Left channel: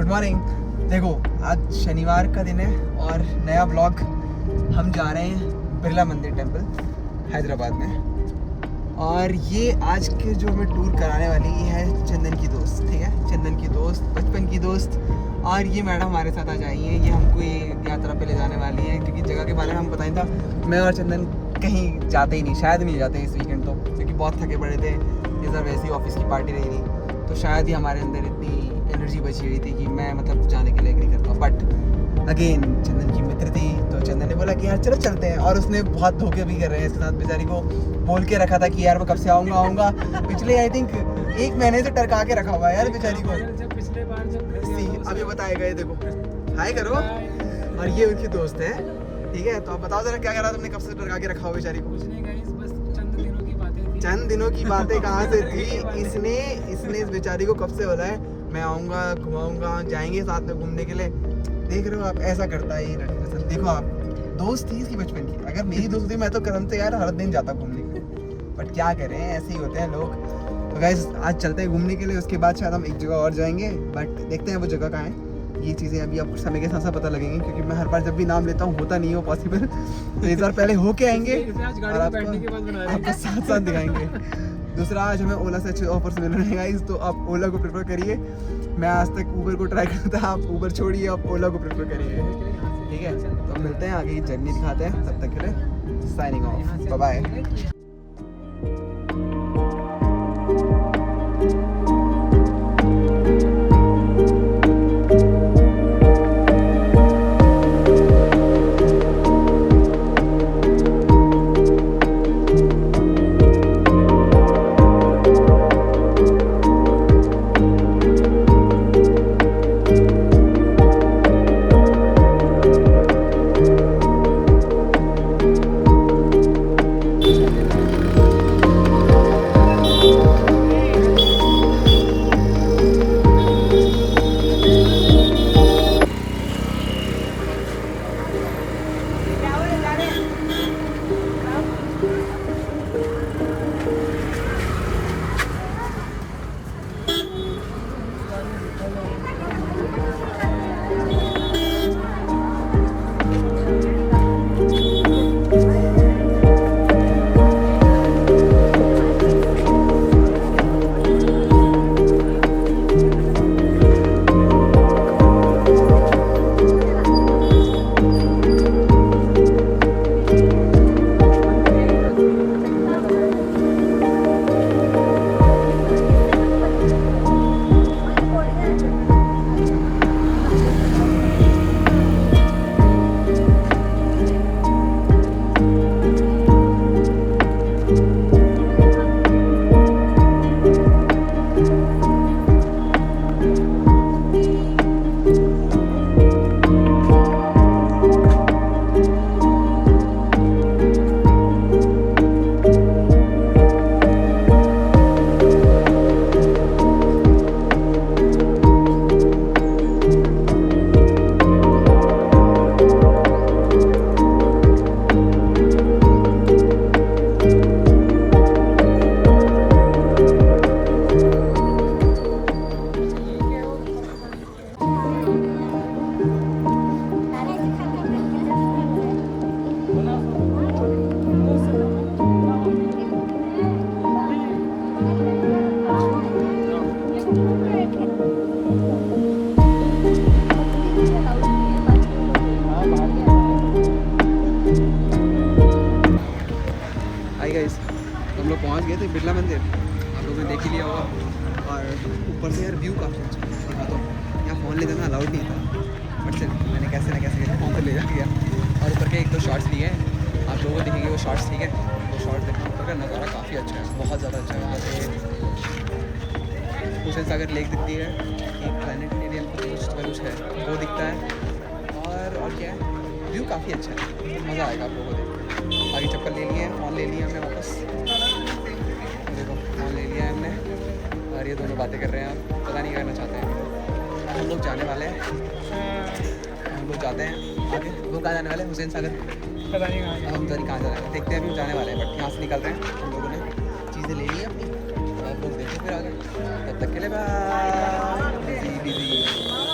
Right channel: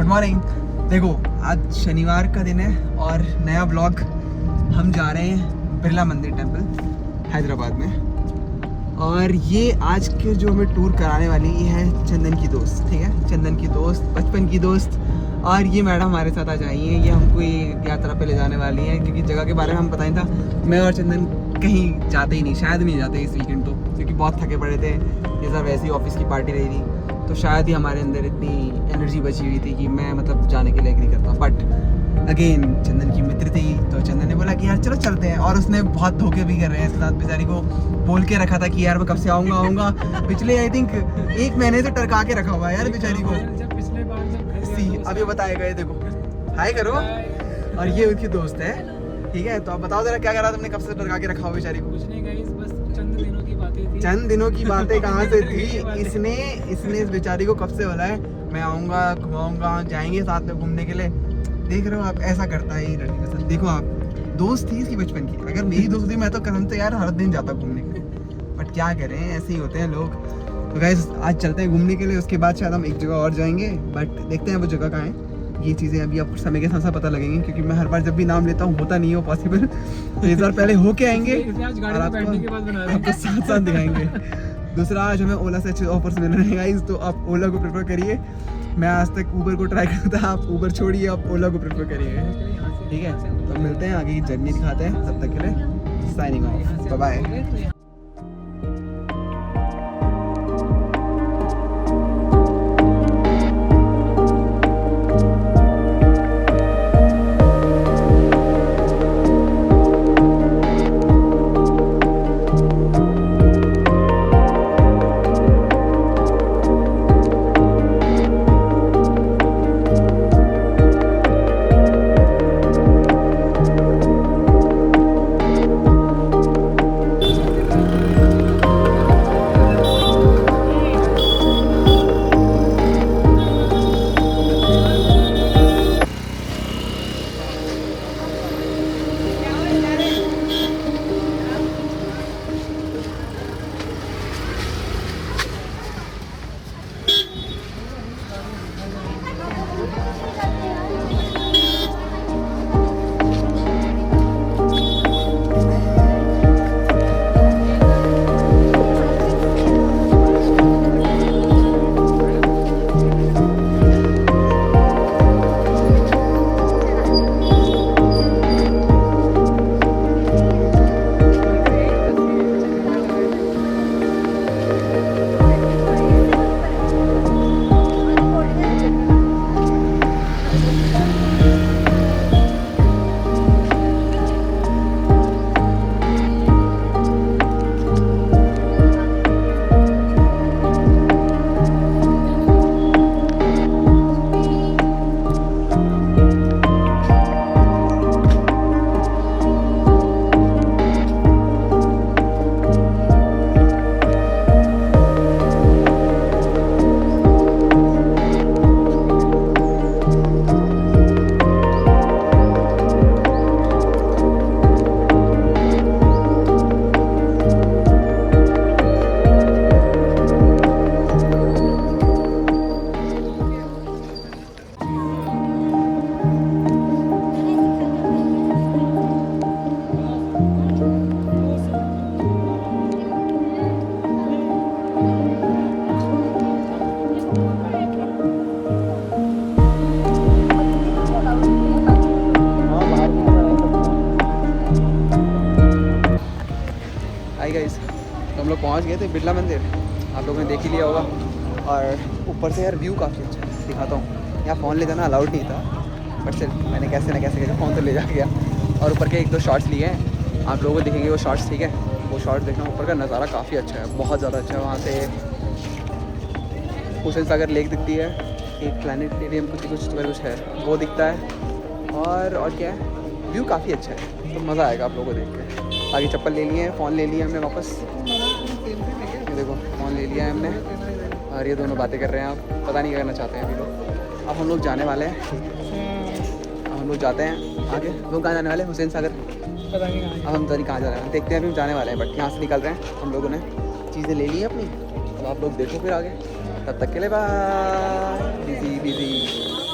Good morning. देखो आज शनिवार का दिन है और नया ब्लॉग। हम जा रहे हैं बिरला मंदिर टेम्पल हैदराबाद में। और ये आज के जो हमें टूर कराने वाली ये है चंदन की दोस्त, ठीक है, चंदन की दोस्त, बचपन की दोस्त। और ये मैडम हमारे साथ आज आई हैं, ये हमको ये यात्रा पे ले जाने वाली है क्योंकि जगह के बारे में हम बताया था। मैं और चंदन कहीं जाते ही नहीं, शायद नहीं जाते इस वीकेंड तो, क्योंकि बहुत थके पड़े थे। ये सब वैसी ऑफिस की पार्टी रही थी तो शायद ही हमारे अंदर इतनी एनर्जी बची हुई थी कि मैं मतलब जाने के लिए एग्री करता। बट अगेन चंदन की मित्र थी तो चंदन ने बोला कि यार चलो चलते हैं। और उसने बहुत धोखे भी कर रहे हैं इसके साथ, बेचारी को बोल के रखा था कि यार मैं कब से आऊँगा। पिछले आई थिंक 1 महीने से टरका के रखा हुआ है यार बेचारी को। अब ये बताए गए, देखो हाय करो। और ये उनकी दोस्त है, ठीक है। तो आप बताओ जरा क्या करा तुमने, कब से टरका के रखा हुआ बेचारी को? चंद दिनों की बातें कहाँ से थी? इसने इस बेचारी को कब से बोला है मैं आऊँगा, घुमाऊँगा, जाएंगे साथ में घूमने के लिए। देख रहे हो आप, ऐसा करता है ये लड़की के साथ। देखो आप, दोस्त थी इसकी बचपन की। अगर मेरी दोस्त थी मैं तो कसम से यार हर दिन जाता घूमने के लिए। बट क्या करें, ऐसे ही होते हैं लोग। तो गाइस आज चलते हैं घूमने के लिए, उसके बाद शायद हम एक जगह और जाएंगे। बट देखते हैं वो जगह कहाँ है। ये चीज़ें अभी आपको समय के साथ साथ पता लगेंगे क्योंकि मैं हर बार जब भी नाम लेता हूँ होता नहीं हो पॉसिबल। तो इस बार पहले होके आएंगे और आपको साथ साथ दिखाएंगे। दूसरा, आज हमें ओला से अच्छे ऑफर्स मिल रहे हैं गाइस, तो आप ओला को प्रेफर करिए। मैं आज तक ऊबर को ट्राई करता, आप ऊबर छोड़िए, आप ओला को प्रेफर करिए, ठीक है। तो मिलते हैं, आगे की जर्नी दिखाते हैं। तब तक के लिए साइनिंग ऑफ, बाय बाय। तो हम लोग पहुँच गए थे बिरला मंदिर, आप लोगों ने देख ही लिया होगा। और ऊपर से यार व्यू काफ़ी अच्छा है, दिखाता हूँ। यहाँ फ़ोन ले जाना अलाउड नहीं था, बट चल मैंने कैसे न कैसे लेके फ़ोन तो ले जा गया। और ऊपर के 1-2 शॉट्स लिए हैं, आप लोगों को दिखेंगे वो शॉट्स, ठीक है। वो शॉट देखना, ऊपर का नज़ारा काफ़ी अच्छा है, बहुत ज़्यादा अच्छा है। वहाँ से हुसैन सागर लेक दिखती है, एक प्लानिटेरियम कुछ है वो दिखता है। और क्या, व्यू काफ़ी अच्छा है, तो मज़ा आएगा आप लोगों को देख के। आगे चप्पल ले लिए, फ़ोन ले लिया हमने वापस, देखो फ़ोन ले लिया हमने। और ये दोनों बातें कर रहे हैं, आप पता नहीं करना चाहते हैं। अब हम लोग जाने वाले हैं, हम लोग जाते हैं आगे। लोग कहाँ जाने वाले हैं? हुसैन सागर, अब हम कहीं कहाँ जाने वाले देखते हैं, अभी जाने वाले हैं। बट यहाँ से निकलते हैं, हम लोगों ने चीज़ें ले ली अपनी, तो आप लोग देखें फिर आगे। तब तक के लिए बाय।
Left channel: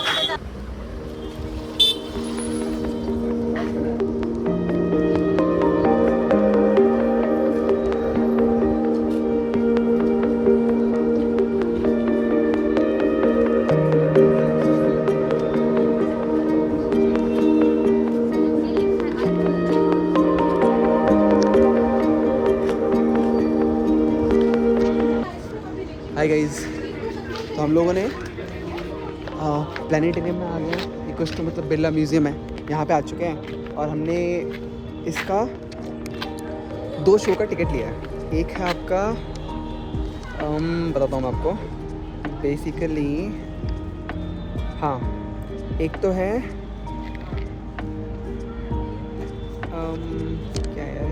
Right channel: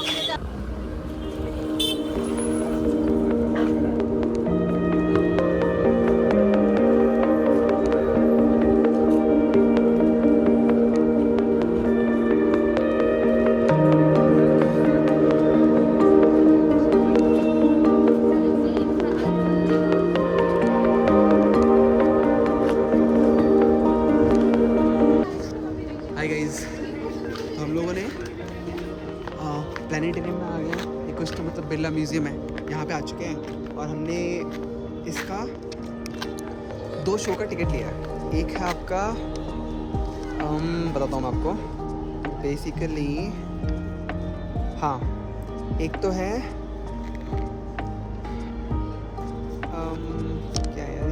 हाय गाइस, तो हम लोगों ने प्लानिटेरियम में आ गए हैं। ये कुछ तो मतलब बिरला म्यूज़ियम है, यहाँ पे आ चुके हैं और हमने इसका 2 शो का टिकट लिया है। एक है आपका बताता हूँ मैं आपको बेसिकली। हाँ, एक तो है क्या है यार,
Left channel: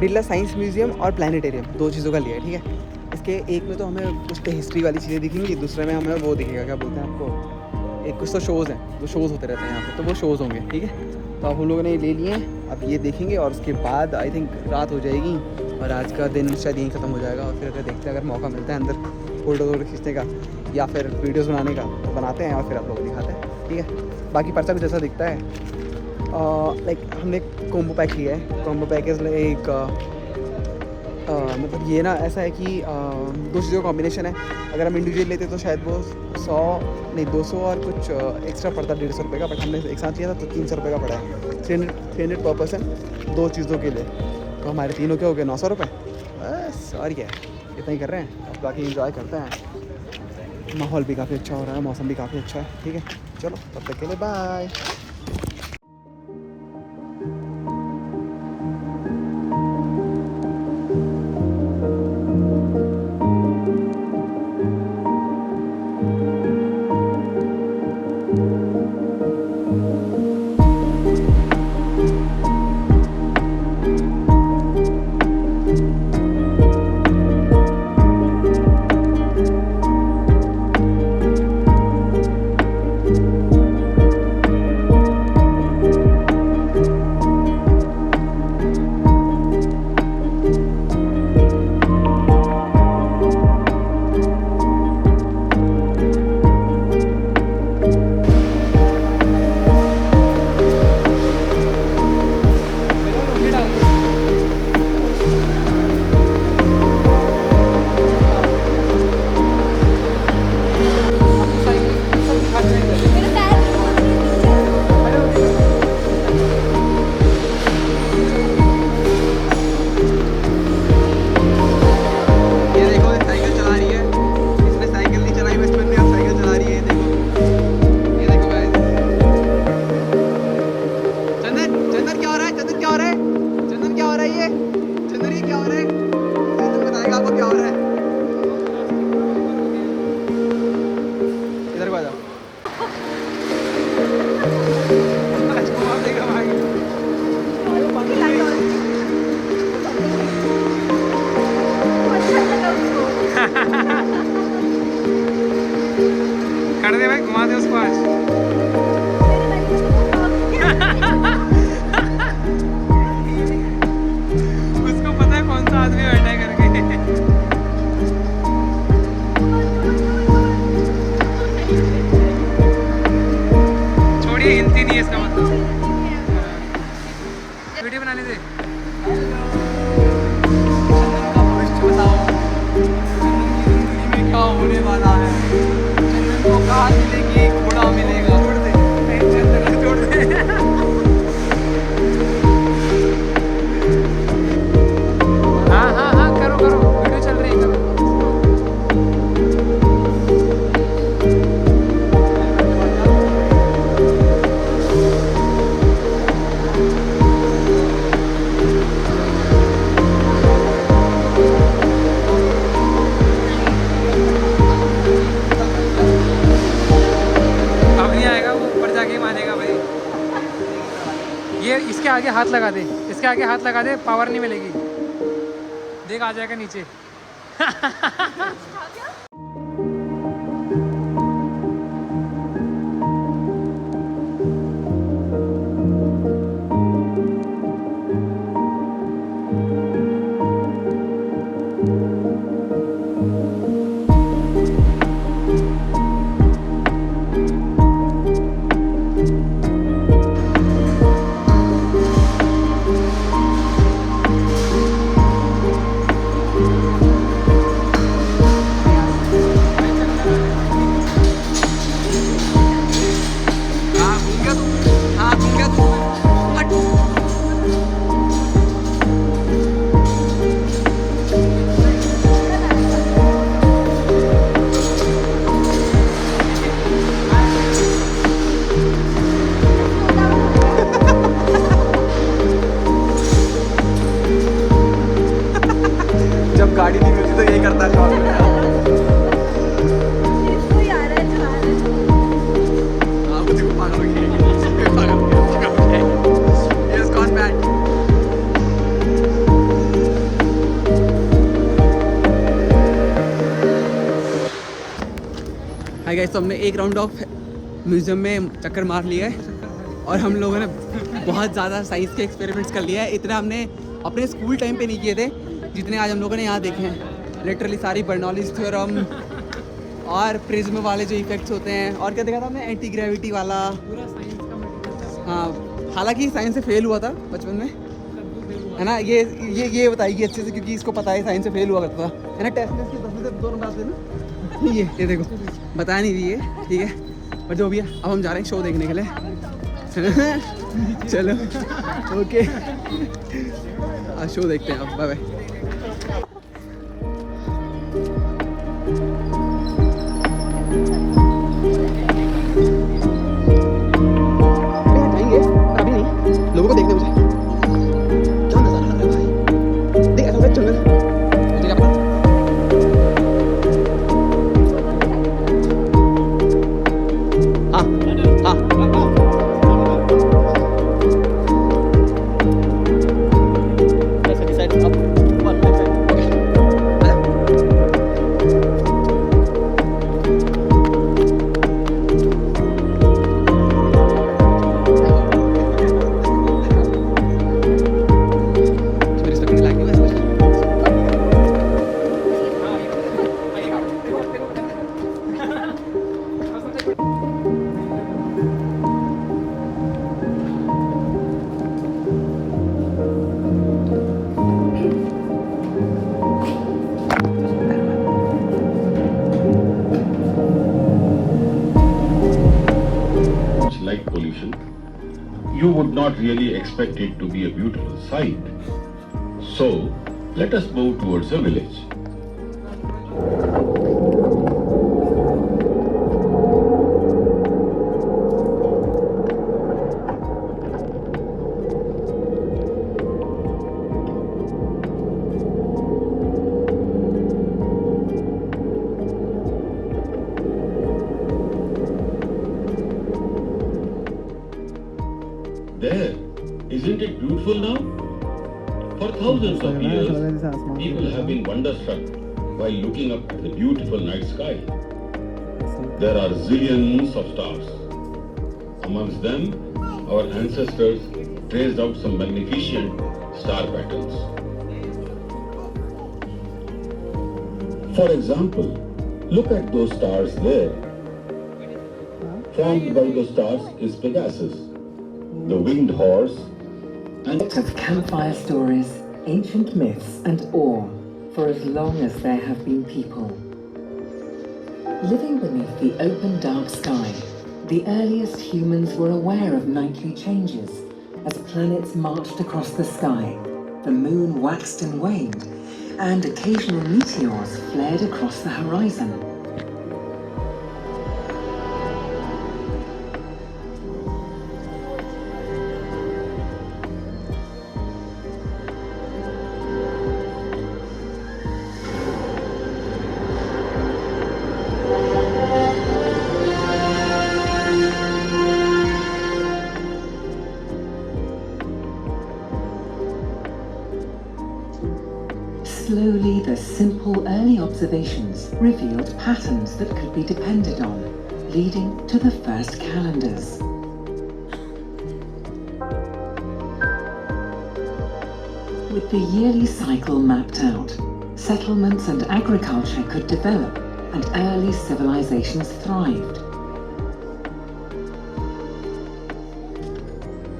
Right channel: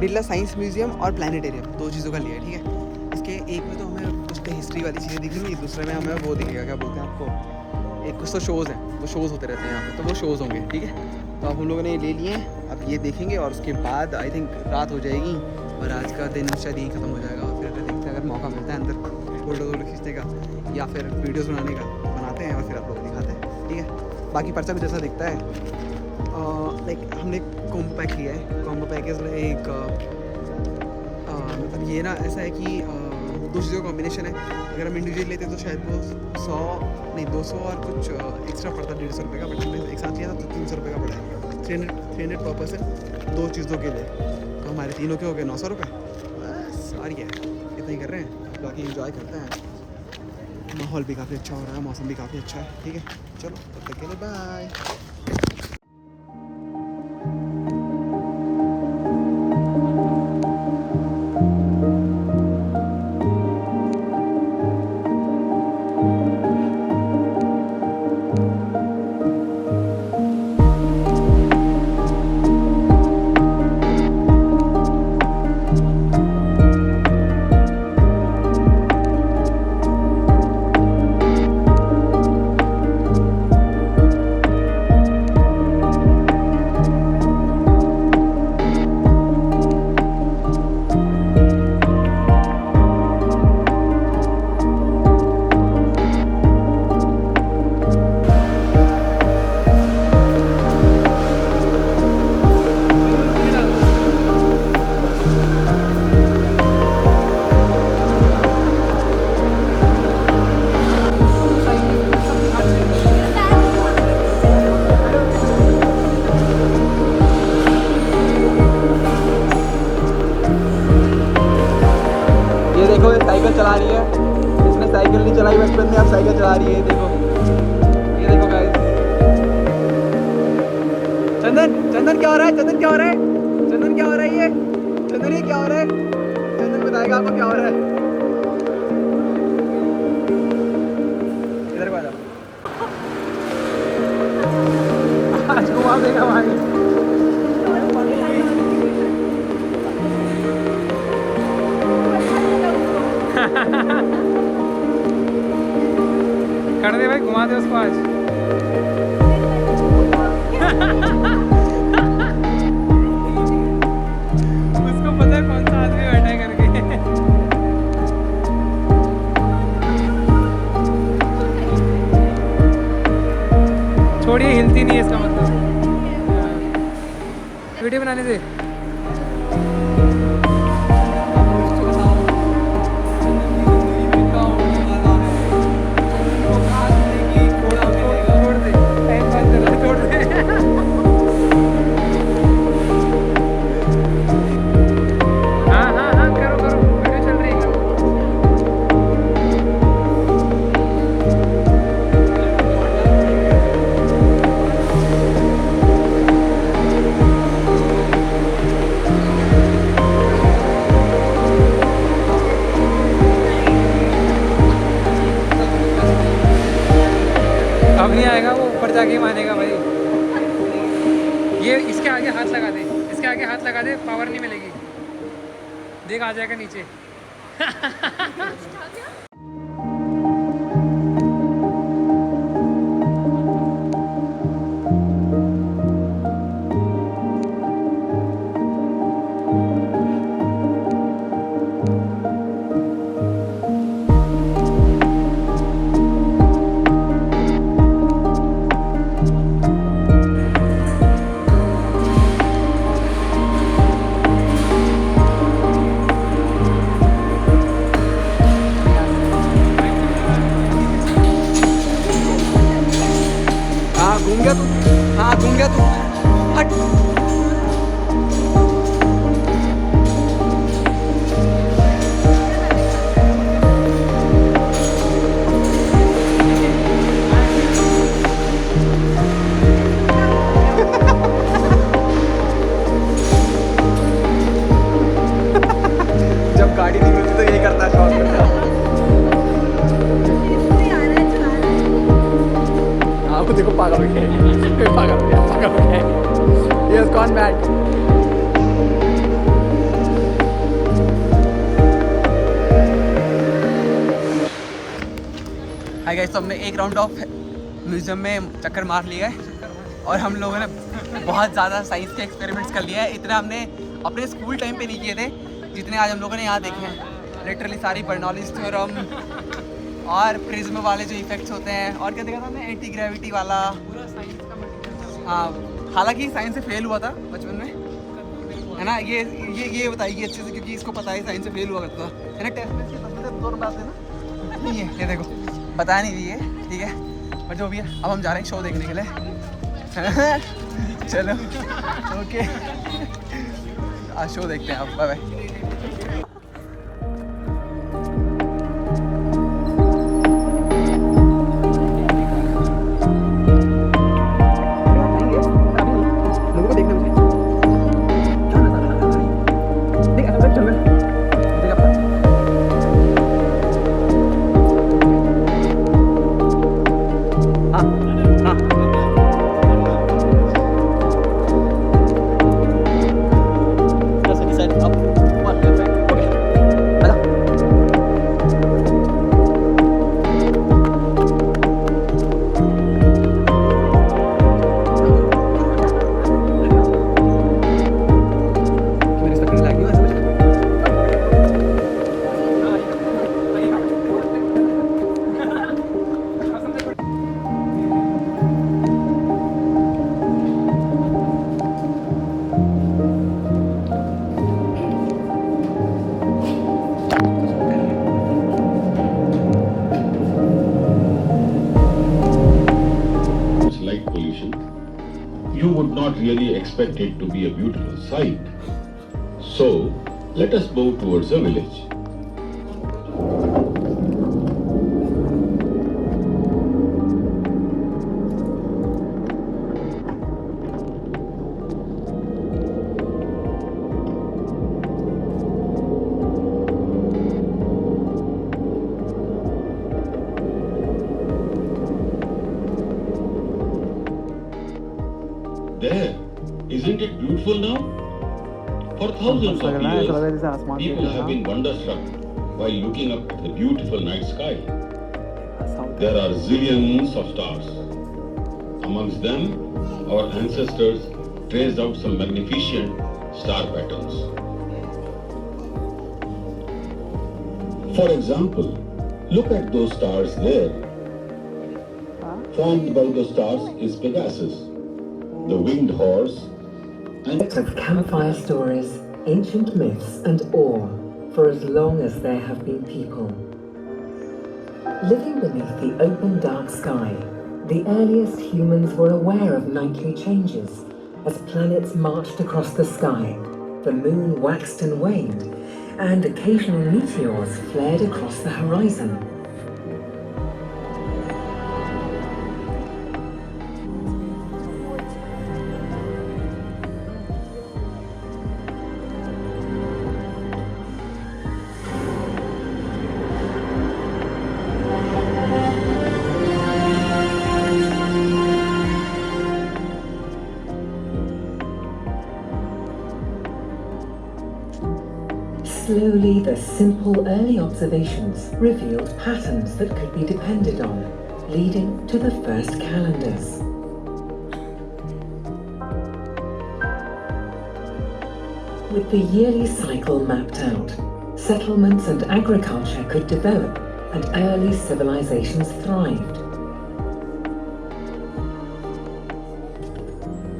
बिरला साइंस म्यूज़ियम और प्लानिटेरियम, 2 चीज़ों का लिया है, ठीक है। इसके एक में तो हमें कुछ तो हिस्ट्री वाली चीज़ें दिखेंगी, दूसरे में हमें वो दिखेगा, क्या बोलते हैं आपको, एक कुछ तो शोज़ हैं, वो शोज़ होते रहते हैं यहाँ पे, तो वो शोज़ होंगे, ठीक है। तो अब हम लोगों ने ले लिए हैं, अब ये देखेंगे और उसके बाद आई थिंक रात हो जाएगी और आज का दिन शायद यहीं ख़त्म हो जाएगा। और फिर अगर देखते हैं, अगर मौका मिलता है अंदर फोटो खींचने का या फिर वीडियोज़ बनाने का, तो बनाते हैं और फिर आप लोगों को दिखाते हैं, ठीक है। बाकी पर्चा कुछ ऐसा दिखता है। लाइक हमने कॉम्बो पैक लिया है। कॉम्बो पैक एक मतलब ये ना ऐसा है कि 2 चीज़ों का कॉम्बिनेशन है। अगर हम इंडिविजुअल लेते तो शायद वो 200 और कुछ एक्स्ट्रा पड़ता, 150 रुपये का, बट हमने एक साथ लिया था तो 300 रुपये का पड़ा है। 300 पर पर्सन 2 चीज़ों के लिए, तो हमारे तीनों के हो गए 900 रुपये बस। और क्या है, इतना ही कर रहे हैं, अब बाकी इंजॉय करते हैं। माहौल भी काफ़ी अच्छा हो रहा है, मौसम भी काफ़ी अच्छा है, ठीक है। चलो तब तक के लिए बाय। चला रही है, इसने साइकिल नहीं चलाई बचपन में, अब साइकिल चला रही है, देखो ये देखो गाइस। चंदन क्या हो रहा है, चंदन क्या हो रहा है, चंदन क्या हो रहा है, ये चंदन ये क्या हो रहा है, चंदन बताएगा आपको क्या हो रहा है। इधर को आ जाओ, आज घुमा देगा भाई। कर दे भाई, घुमा दे उसको आज। उसको पता है कौन सा आदमी बैठा है करके। छोड़िए, हिलती नहीं है इसका मतलब। वीडियो बनाने दे। जाके मानेगा भाई। ये इसके आगे हाथ लगा दे, इसके आगे हाथ लगा दे, पावर नहीं मिलेगी, देख आ जाएगा नीचे। हाय गाइस, तो हमने एक राउंड ऑफ म्यूजियम में चक्कर मार लिया है और हम लोगों ने बहुत ज़्यादा साइंस के एक्सपेरिमेंट्स कर लिया है। इतना हमने अपने स्कूल टाइम पे नहीं किए थे जितने आज हम लोगों ने यहाँ देखे हैं। लिटरली सारी बर्नौलीज थ्योरम और प्रिज्म वाले जो इफेक्ट्स होते हैं, और क्या देखा था हमने, एंटी ग्रेविटी वाला। हाँ, हालांकि साइंस से फेल हुआ था बचपन में, है ना। ये बताइए अच्छे से, क्योंकि इसको पता है साइंस से फेल हुआ करता है ना। टेस्ट में 10 में से 2 नंबर आते हैं ना। ये देखो, बता नहीं दी है, ठीक है, पर जो भी है, अब हम जा रहे हैं शो देखने के लिए। चलो ओके, आज शो देखते हैं। अब बाय बाय। लोगों को देखने मुझे क्या नजारा लग रहा है भाई। देख ऐसा लग रहा है जंगल, मुझे क्या पता। हाँ हाँ, light pollution, you would not really expect it to be a beautiful sight. So, let us move towards a village. There, isn't it beautiful now? For thousands of years, people have been wonderstruck while looking up at the beautiful night sky. There are zillions of stars. Amongst them, our ancestors traced out some magnificent star patterns. For example, look at those stars there. Formed by the stars is Pegasus, the winged horse, and of campfire stories, ancient myths and awe for as long as there have been people. Living beneath the open dark sky, the earliest humans were aware of nightly changes as planets marched across the sky, the moon waxed and waned, and occasional meteors flared across the horizon. Slowly, the simple early observations revealed patterns that could be depended on, leading to the first calendars. With the yearly cycle mapped out, settlements and agriculture could develop, and early civilizations thrived.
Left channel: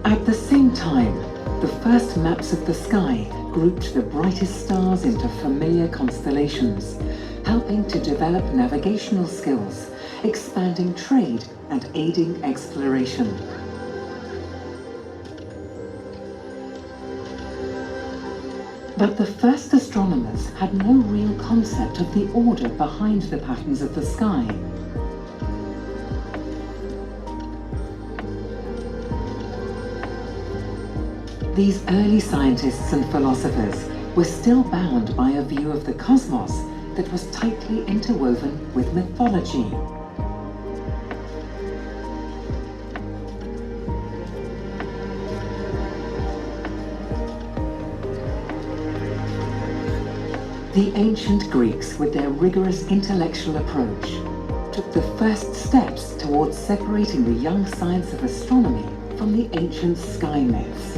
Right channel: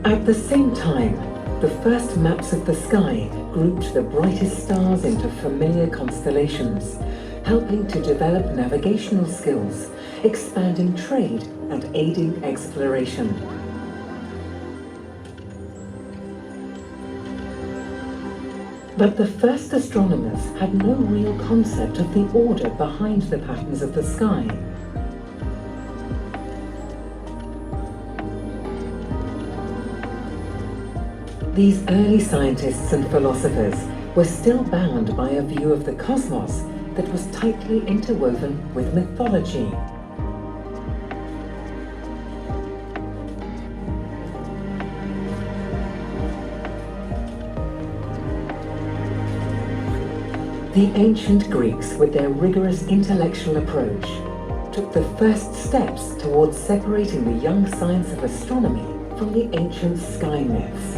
At the same time, the first maps of the sky grouped the brightest stars into familiar constellations, helping to develop navigational skills, expanding trade and aiding exploration. But the first astronomers had no real concept of the order behind the patterns of the sky. These early scientists and philosophers were still bound by a view of the cosmos that was tightly interwoven with mythology. The ancient Greeks, with their rigorous intellectual approach, took the first steps towards separating the young science of astronomy from the ancient sky myths.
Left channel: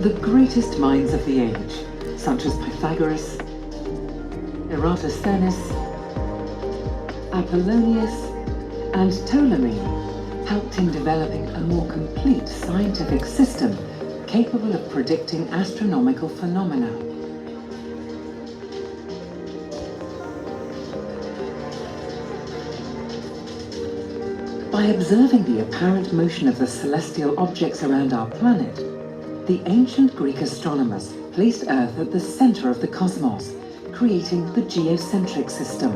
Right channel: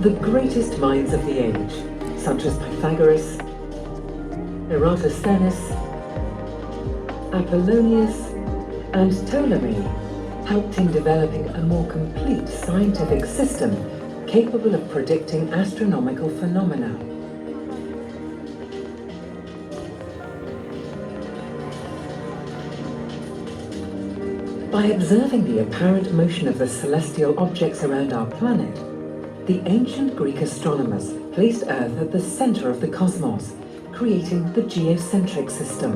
The greatest minds of the age, such as Pythagoras, Eratosthenes, Apollonius, and Ptolemy, helped in developing a more complete scientific system capable of predicting astronomical phenomena. By observing the apparent motion of the celestial objects around our planet, the ancient Greek astronomers placed Earth at the center of the cosmos, creating the geocentric system.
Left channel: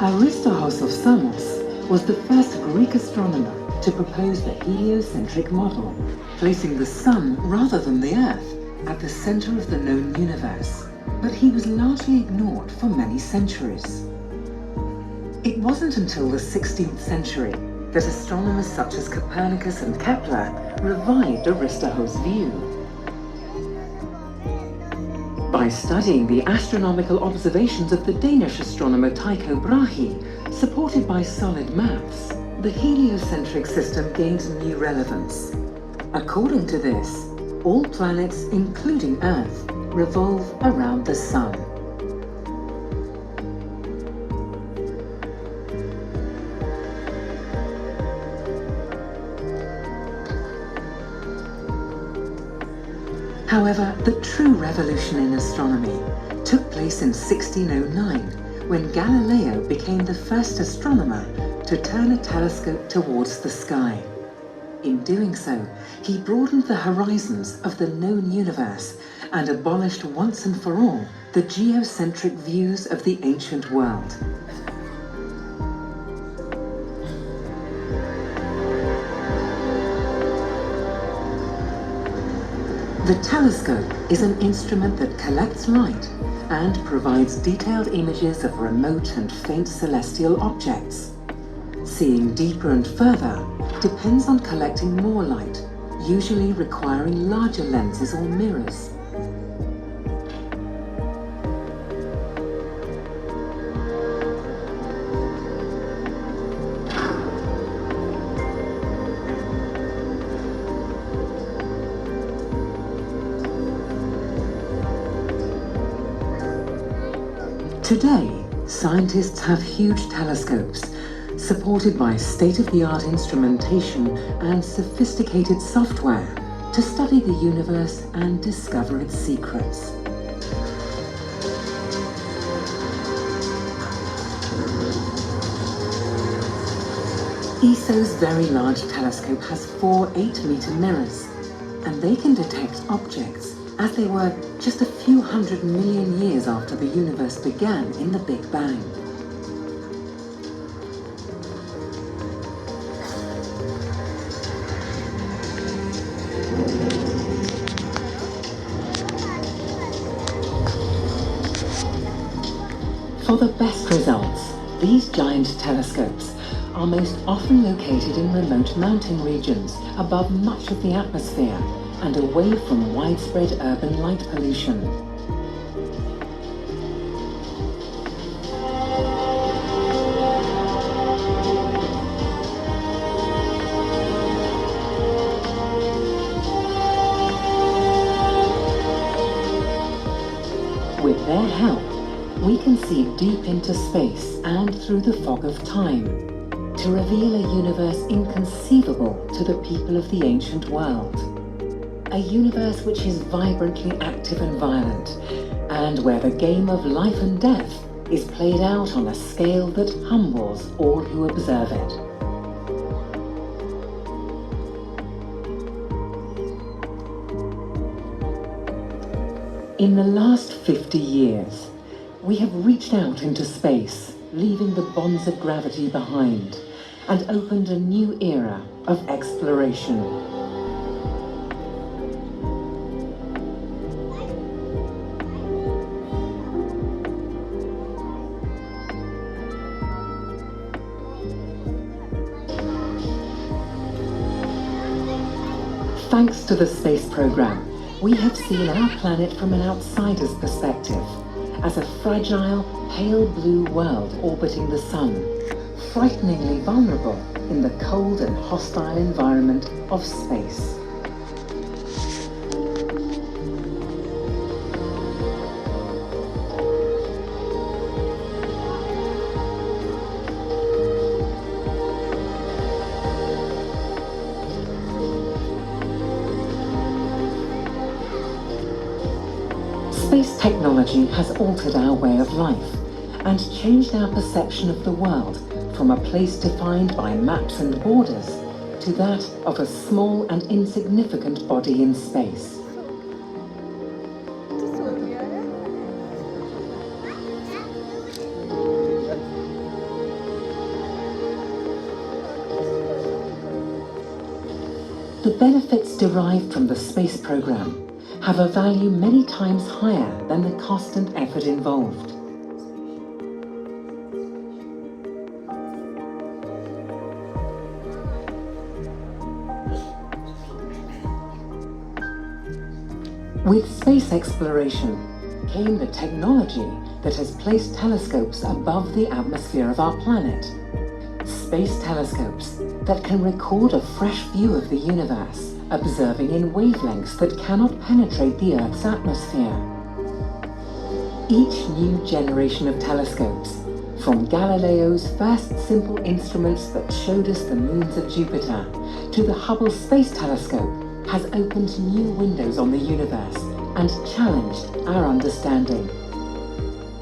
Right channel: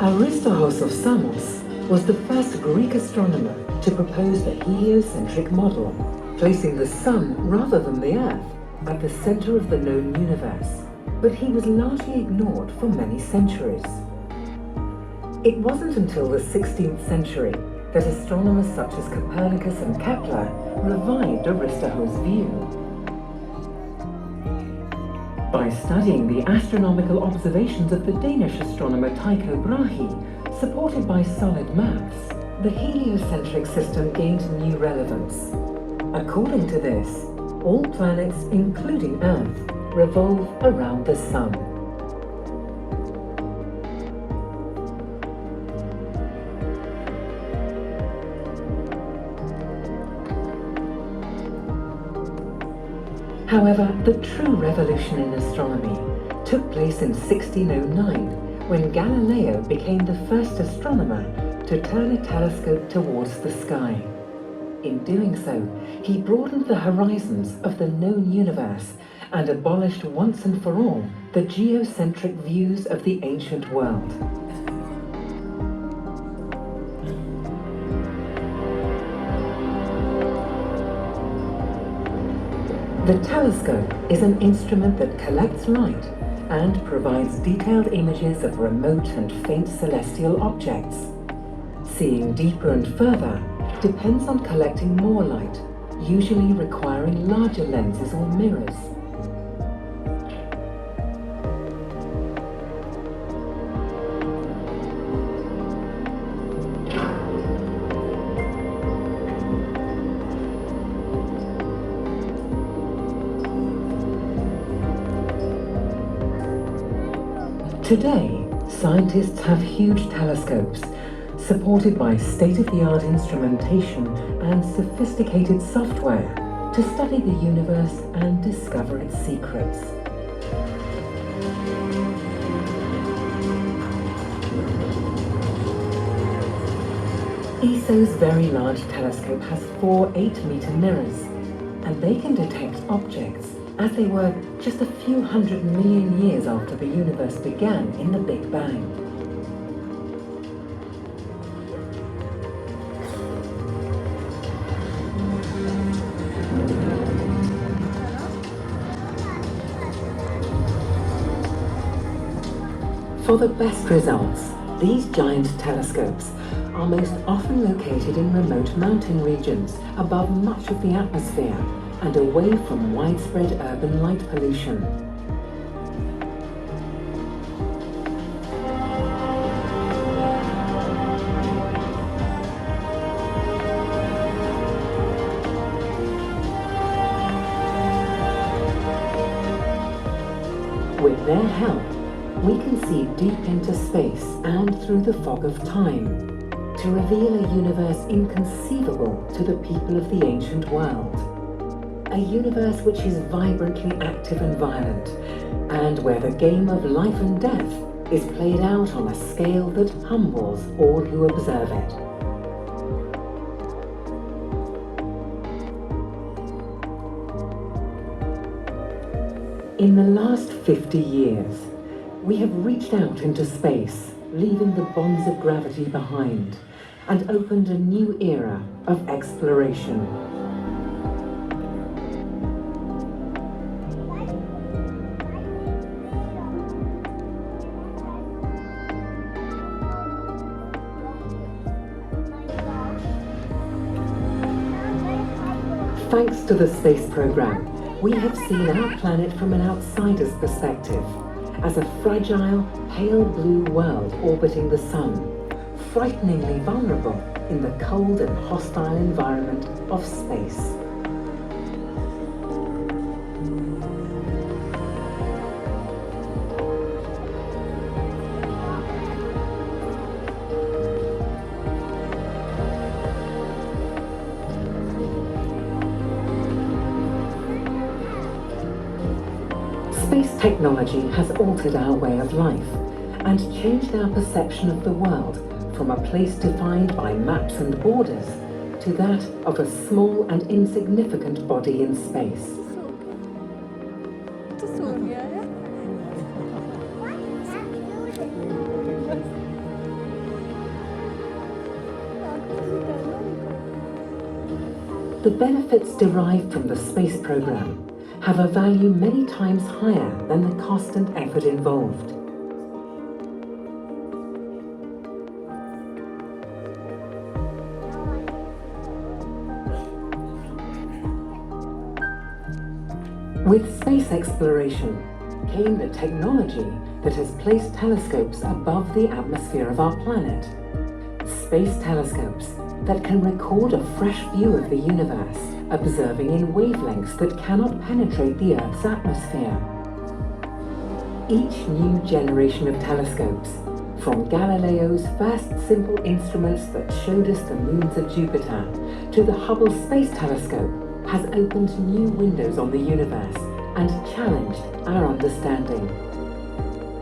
Aristarchus of Samos was the first Greek astronomer to propose the heliocentric model, placing the Sun rather than the Earth at the center of the known universe, but he was largely ignored for many centuries. It wasn't until the 16th century that astronomers such as Copernicus and Kepler revived Aristarchus' view. By studying the astronomical observations of the Danish astronomer Tycho Brahe, supported by solid maths, the heliocentric system gained new relevance. According to this, all planets, including Earth, revolve around the Sun. However, the true revolution in astronomy took place in 1609, when Galileo became the first astronomer to turn a telescope towards the sky. In doing so, he broadened the horizons of the known universe and abolished once and for all the geocentric views of the ancient world. The telescope is an instrument that collects light and provides detailed images of remote and faint celestial objects. Seeing deeper and further depends on collecting more light, usually requiring larger lenses or mirrors. Today, scientists have huge telescopes, supported by state-of-the-art instrumentation and sophisticated software to study the universe and discover its secrets. ESO's Very Large Telescope has 4 8-meter mirrors, and they can detect objects as they were just a few 100 million years after the universe began in the Big Bang. For the best results, these giant telescopes are most often located in remote mountain regions above much of the atmosphere and away from widespread urban light pollution. With their help, we can see deep into space and through the fog of time to reveal a universe inconceivable to the people of the ancient world. A universe which is vibrantly active and violent, and where the game of life and death is played out on a scale that humbles all who observe it. In the last 50 years, we have reached out into space, leaving the bonds of gravity behind, and opened a new era of exploration. Thanks to the space program, we have seen our planet from an outsider's perspective as a fragile, pale blue world orbiting the sun, frighteningly vulnerable in the cold and hostile environment of space. Space technology has altered our way of life and changed our perception of the world from a place defined by maps and borders to that of a small and insignificant body in space. The benefits derived from the space program have a value many times higher than the cost and effort involved. With space exploration came the technology that has placed telescopes above the atmosphere of our planet. Space telescopes that can record a fresh view of the universe, observing in wavelengths that cannot penetrate the Earth's atmosphere. Each new generation of telescopes, from Galileo's first simple instruments that showed us the moons of Jupiter, to the Hubble Space Telescope, has opened new windows on the universe and challenged our understanding.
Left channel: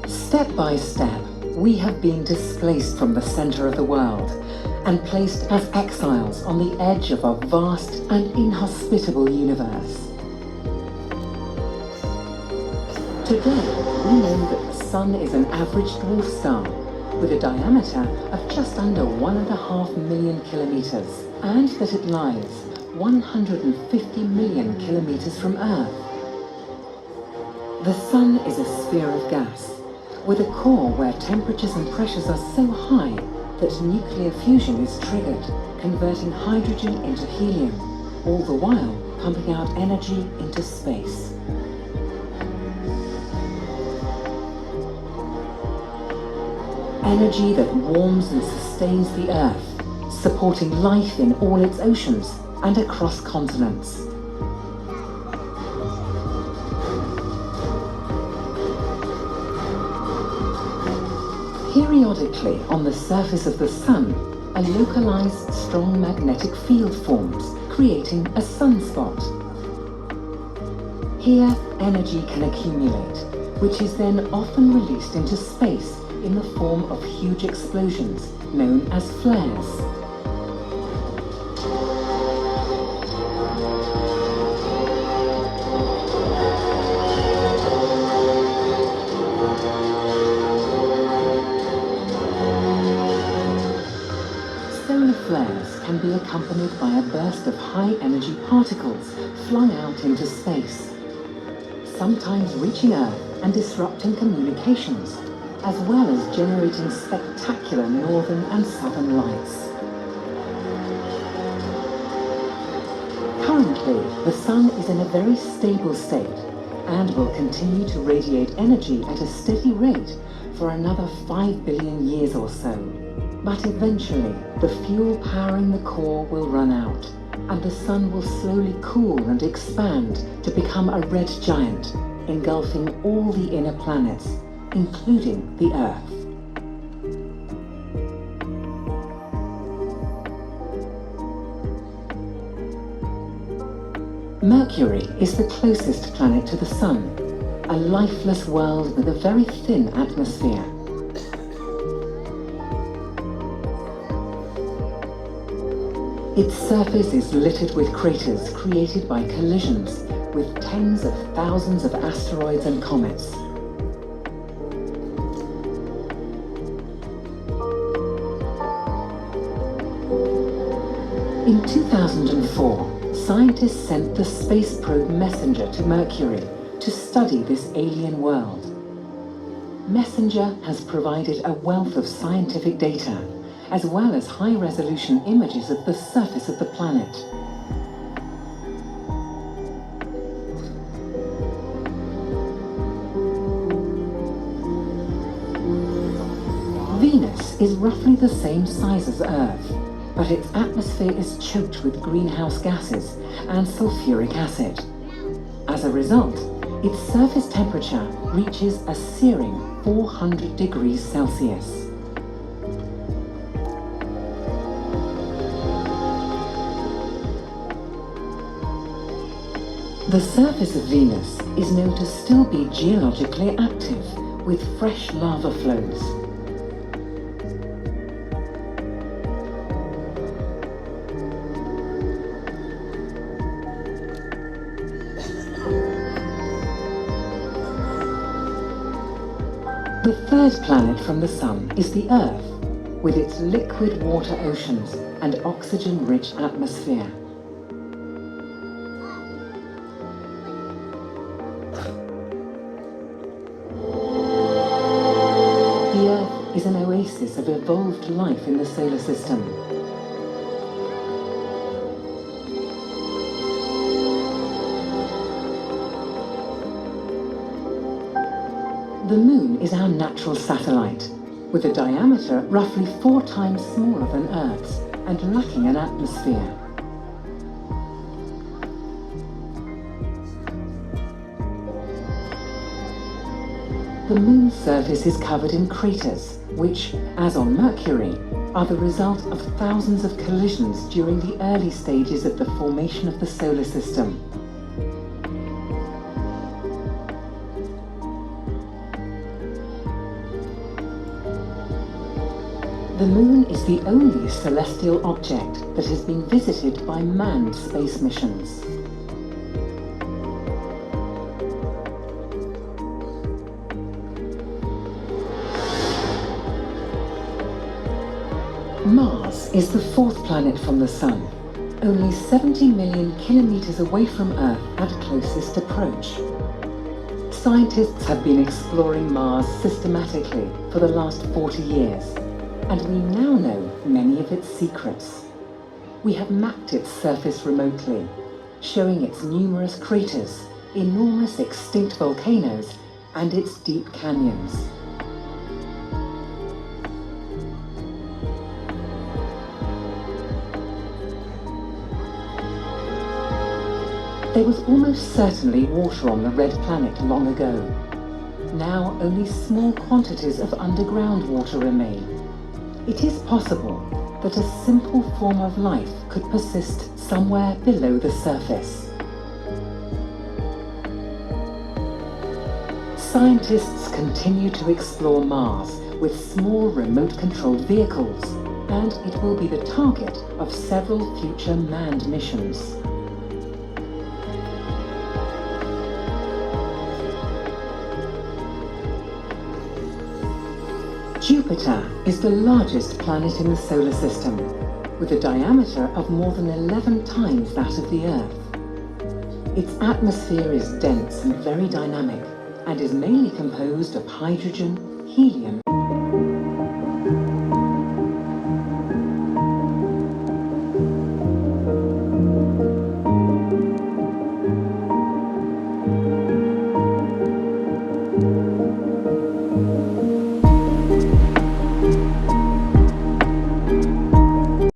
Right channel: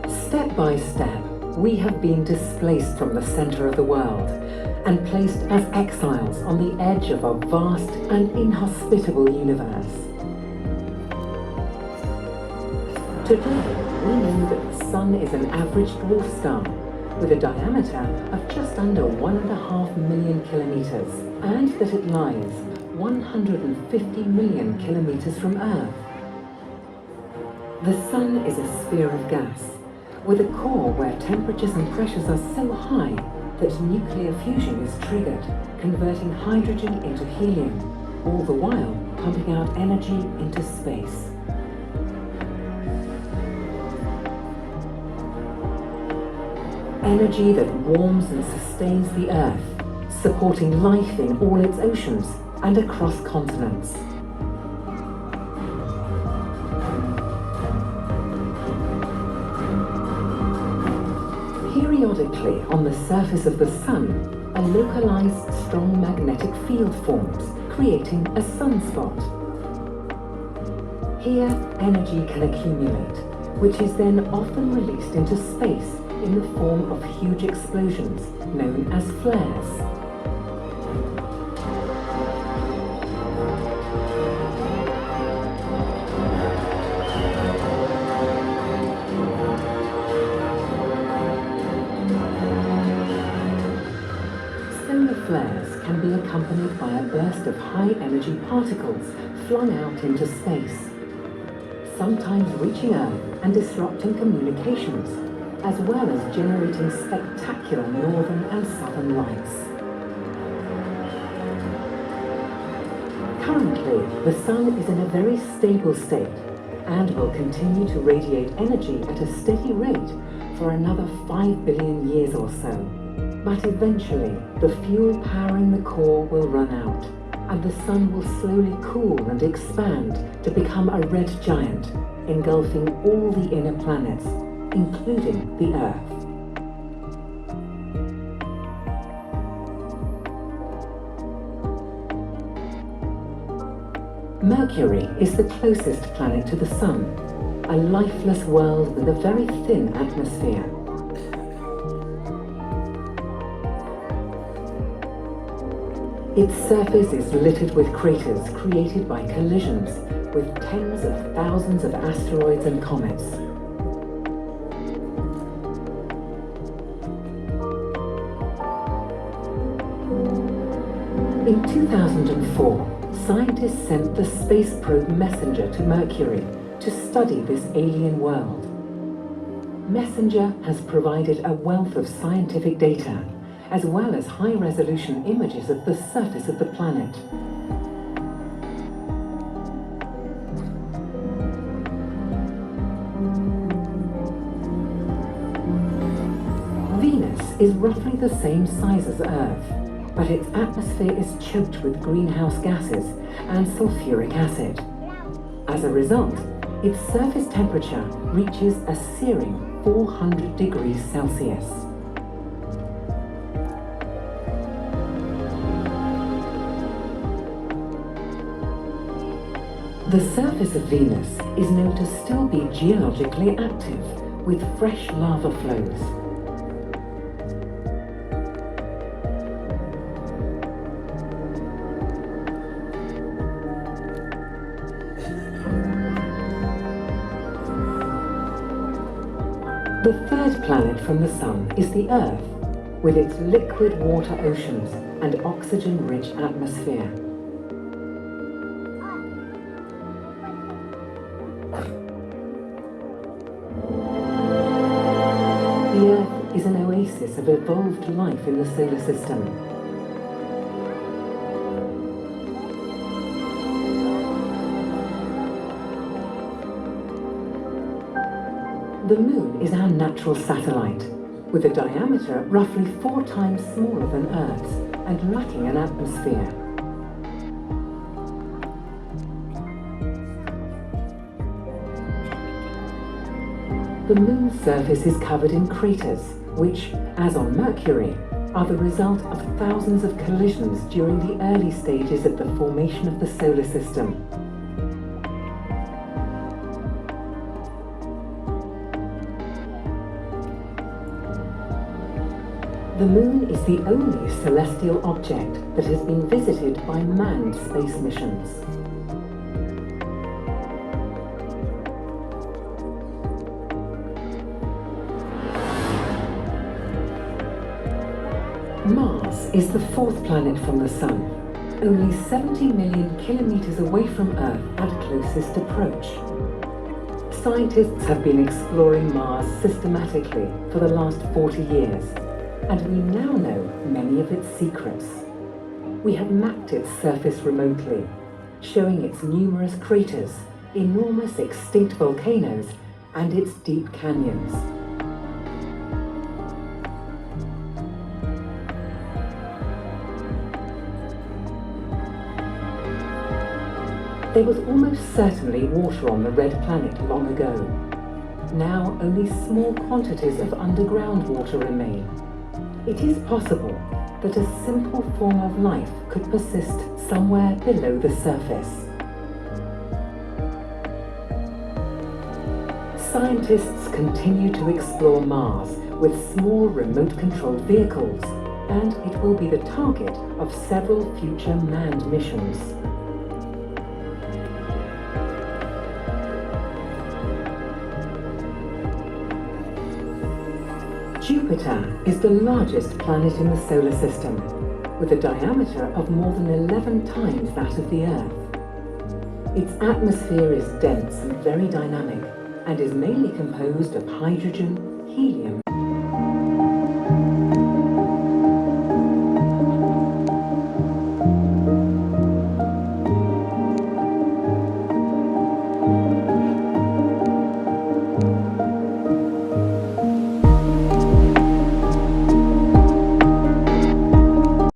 Step by step, we have been displaced from the center of the world and placed as exiles on the edge of a vast and inhospitable universe. Today, we know that the Sun is an average dwarf star with a diameter of just under 1.5 million kilometers, and that it lies 150 million kilometers from Earth. The Sun is a sphere of gas, with a core where temperatures and pressures are so high that nuclear fusion is triggered, converting hydrogen into helium, all the while pumping out energy into space. Energy that warms and sustains the Earth, supporting life in all its oceans and across continents. Periodically, on the surface of the Sun, a localized strong magnetic field forms, creating a sunspot. Here, energy can accumulate, which is then often released into space in the form of huge explosions, known as flares. Flares can be accompanied by a burst of high-energy particles flung out into space, sometimes reaching Earth and disrupting communications, as well as generating spectacular northern and southern lights. Currently, the Sun is in a very stable state and will continue to radiate energy at a steady rate for another 5 billion years or so. But eventually, the fuel powering the core will run out, and the Sun will slowly cool and expand to become a red giant, engulfing all the inner planets, including the Earth. Mercury is the closest planet to the Sun, a lifeless world with a very thin atmosphere. Its surface is littered with craters created by collisions with tens of thousands of asteroids and comets. In 2004, scientists sent the space probe Messenger to Mercury to study this alien world. Messenger has provided a wealth of scientific data, as well as high-resolution images of the surface of the planet. Venus is roughly the same size as Earth, but its atmosphere is choked with greenhouse gases and sulfuric acid. As a result, its surface temperature reaches a searing 400 degrees Celsius. The surface of Venus is known to still be geologically active, with fresh lava flows. The third planet from the Sun is the Earth, with its liquid water oceans and oxygen-rich atmosphere. The Earth is an oasis of evolved life in the solar system. The Moon is our natural satellite, with a diameter roughly 4 times smaller than Earth's and lacking an atmosphere. The Moon's surface is covered in craters, which, as on Mercury, are the result of thousands of collisions during the early stages of the formation of the solar system. The Moon is the only celestial object that has been visited by manned space missions. Mars is the 4th planet from the Sun, only 70 million kilometers away from Earth at closest approach. Scientists have been exploring Mars systematically for the last 40 years, and we now know many of its secrets. We have mapped its surface remotely, showing its numerous craters, enormous extinct volcanoes, and its deep canyons. There was almost certainly water on the red planet long ago. Now only small quantities of underground water remain. It is possible that a simple form of life could persist somewhere below the surface. Scientists continue to explore Mars with small remote-controlled vehicles, and it will be the target of several future manned missions. Jupiter is the largest planet in the solar system, with a diameter of more than 11 times that of the Earth. Its atmosphere is dense and very dynamic, and is mainly composed of hydrogen, helium,